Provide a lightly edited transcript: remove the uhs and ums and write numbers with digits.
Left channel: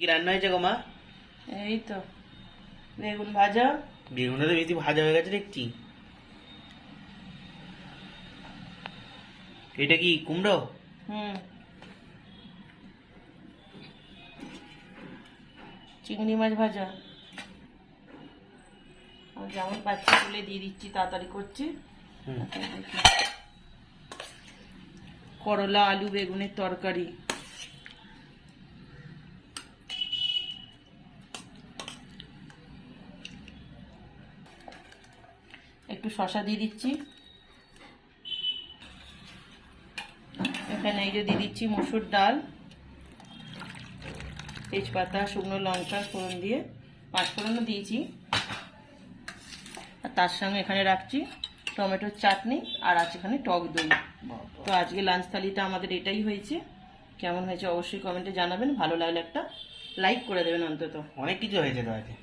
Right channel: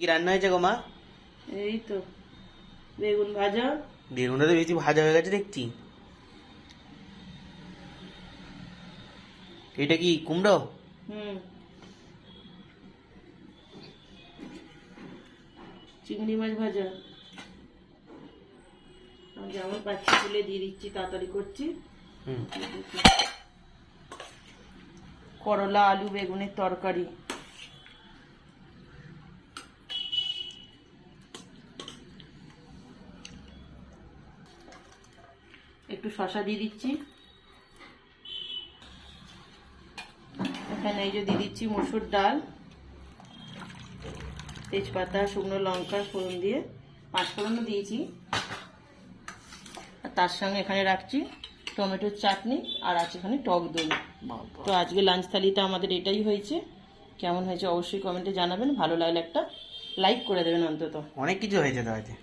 কি রান্না হয়েছে গো মা? এই তো বেগুন ভাজা। বেগুনটা তো বেশি ভাজা হয়ে গেছে দেখছি। এটা কি কুমড়ো? চিংড়ি মাছ ভাজা। আমি যেমন পাচ্ছি তুলে দিয়ে দিচ্ছি, তাড়াতাড়ি করছি। করলা আলু বেগুনের তরকারি। একটু শসা দিয়ে দিচ্ছি। এখানে এই যে দিয়ে দিচ্ছি মসুর ডাল, তেজপাতা, শুকনো লঙ্কা ফোড়ন দিয়ে, 5 ফোড়নও দিয়েছি। আর তার সঙ্গে এখানে রাখছি টমেটোর চাটনি, আর আছে এখানে টক দই। তো আজকে লাঞ্চ থালিতে আমাদের এটাই হয়েছে। কেমন হয়েছে অবশ্যই কমেন্টে জানাবেন। ভালো লাগলে একটা লাইক করে দেবেন অন্তত। অনেক কিছু হয়েছে তো আজকে।